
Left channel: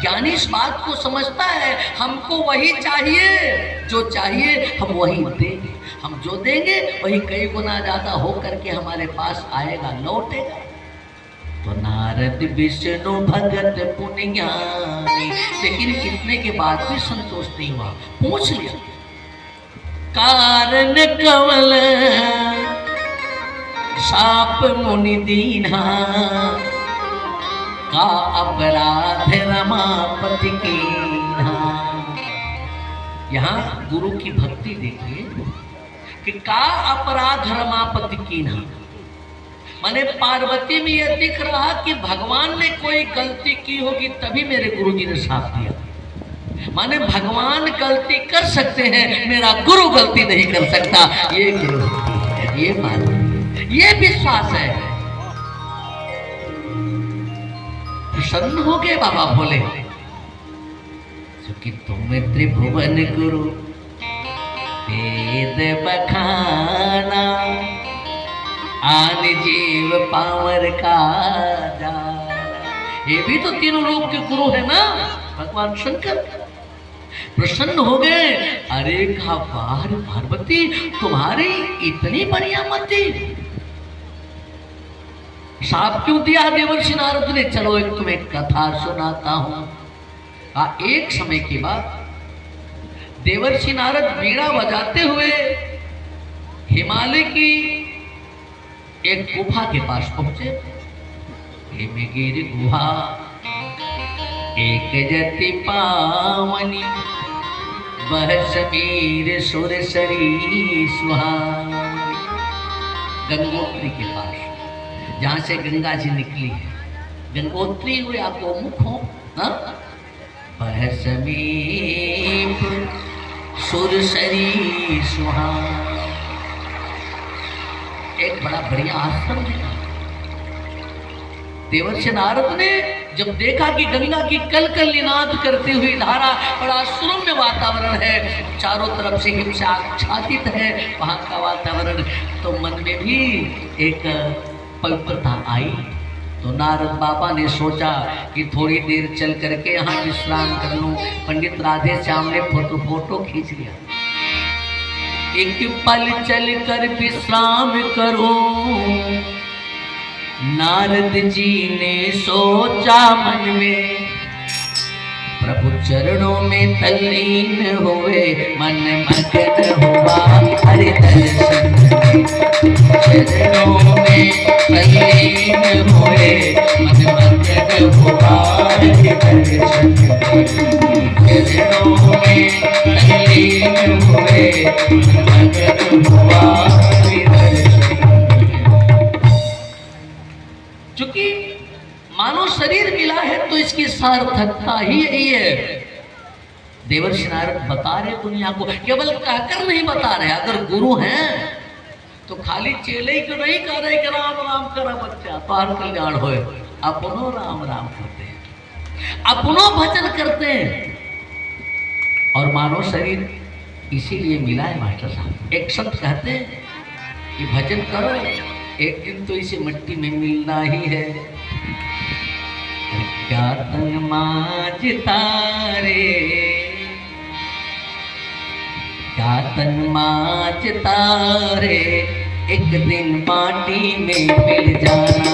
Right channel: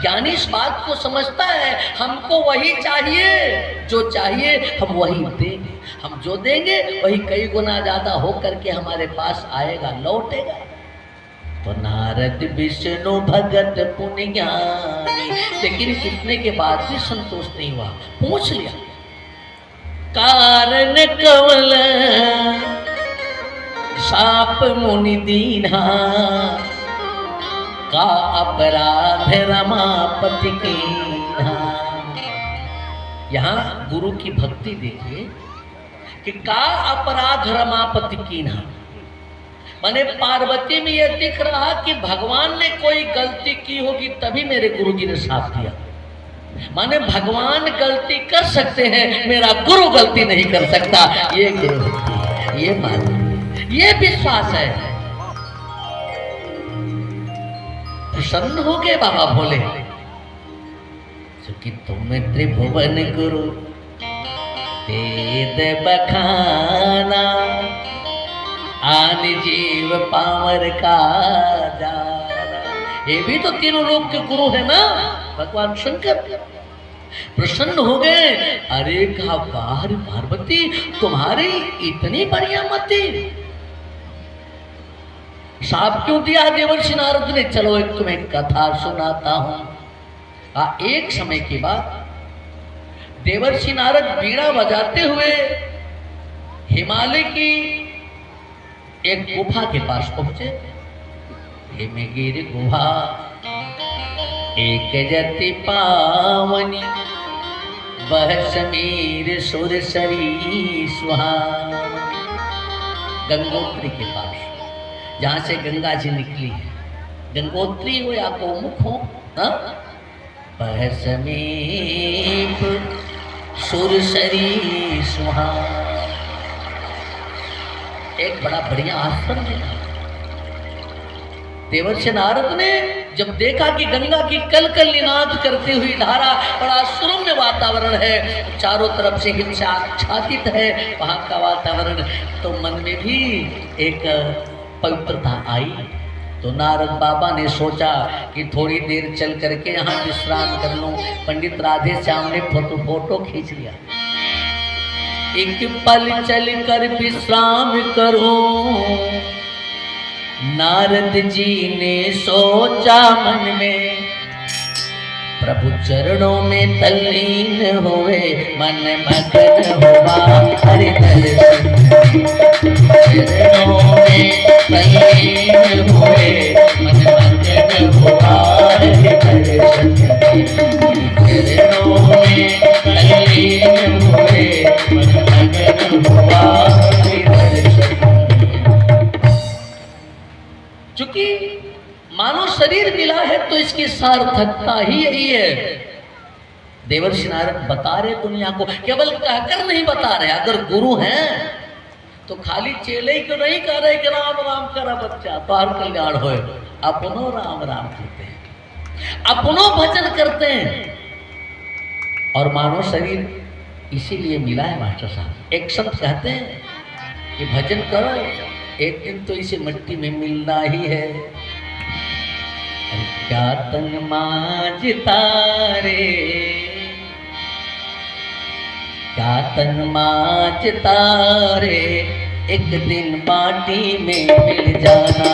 ज्ञानी इस बात को समझता है हमको वही चाहिए, जो चाहिए हम वही देंगे, हम जो देंगे वही कई गुना ज्यादा हो करके हमारे पास आएगा, लौटेगा। तो नारद विष्णु भगत पुण्य ज्ञानी, लेकिन इतने के बाद भी संतोष नहीं हुआ, पूछ लिया कारण कमल साप मुनि दीना, का अपराध रमापति कीन्हा। यहाँ गुरु की भक्ति देखिए कि का अपराध रमापति कीन्हा, माने पार्वती में यह दिख रहा कि भगवान ने कोई गलती की होगी तभी मेरे गुरुजी ने साथ दिया। माने भगवान गलती कर सकते हैं, मेरा गुरु गलती नहीं कर सकता। ये गुरु, ये मान, ये विश्वास है। प्रसन्न हो गए बाबा बोले, क्योंकि तुम त्रिभुवन गुरु वेद बखाना, आन जीव पावर का जाना। ये भी तो तीनों रूप के गुरु है ना भगवान शंकर। प्रसन्न हो गए, अरे कहा वाह पार्वती तुम्हारी इतनी बढ़िया मति, साप क्यों दिया देवर्षि नारद ने? चलो एक तुम्हें कथा सुनाता हूं। एक समय की बात, देवर्षि नारद वीणा बजाते हुए हिमालय की एक गुफा के पास पहुंचे। हिमगिरि गुहा एक जति पावनी, वह समीर सुरसरी सुहावनी। गंगोत्री के पास, जहां से गंगा जी निकली है, गंगोत्री हो या गोमुख हो, वह समीप सुरसरी सुहावनी। एक बड़ा बढ़िया आश्रम है। देवर्षि नारद ने जब देखा कि गंगा की कल कल निनाद करती हुई धारा, बड़ा सुरम्य वातावरण है, चारों तरफ से हिंसा आच्छादित है वहां का वातावरण, तो मन में भी एक पवित्रता आई। तो नारद बाबा ने सोचा कि थोड़ी देर चल करके यहाँ विश्राम कर लूं। पंडित राधे श्याम ने फोटो खींच लिया। एक पल चल कर विश्राम करूं, नारद जी ने सोचा मन में, प्रभु चरणों में तल्लीन हुए, मन मगन हुआ हरि दर्शन। चरणों में तल्लीन हुए, मन मगन हुआ हरि दर्शन। चरणों में तल्लीन हुए, मन मगन हुआ हरि दर्शन। चूंकि मानो शरीर मिला है तो इसकी सार्थकता ही यही है। देवर्षि नारद बता रहे दुनिया को, केवल कहकर नहीं बता रहे। अगर गुरु हैं तो खाली चेले क्यों नहीं कह रहे कि राम राम करा बच्चा पार कल्याण होए, अपनो राम राम करते हैं, अपनो भजन करते हैं। और मानो शरीर इसीलिए मिला है मास्टर साहब। एक संत कहते हैं कि भजन करो, एक दिन तो इसे मिट्टी में मिलना ही है। क्या तन मांझता रे, क्या तन मांझता रे, एक दिन माटी में मिल जाना।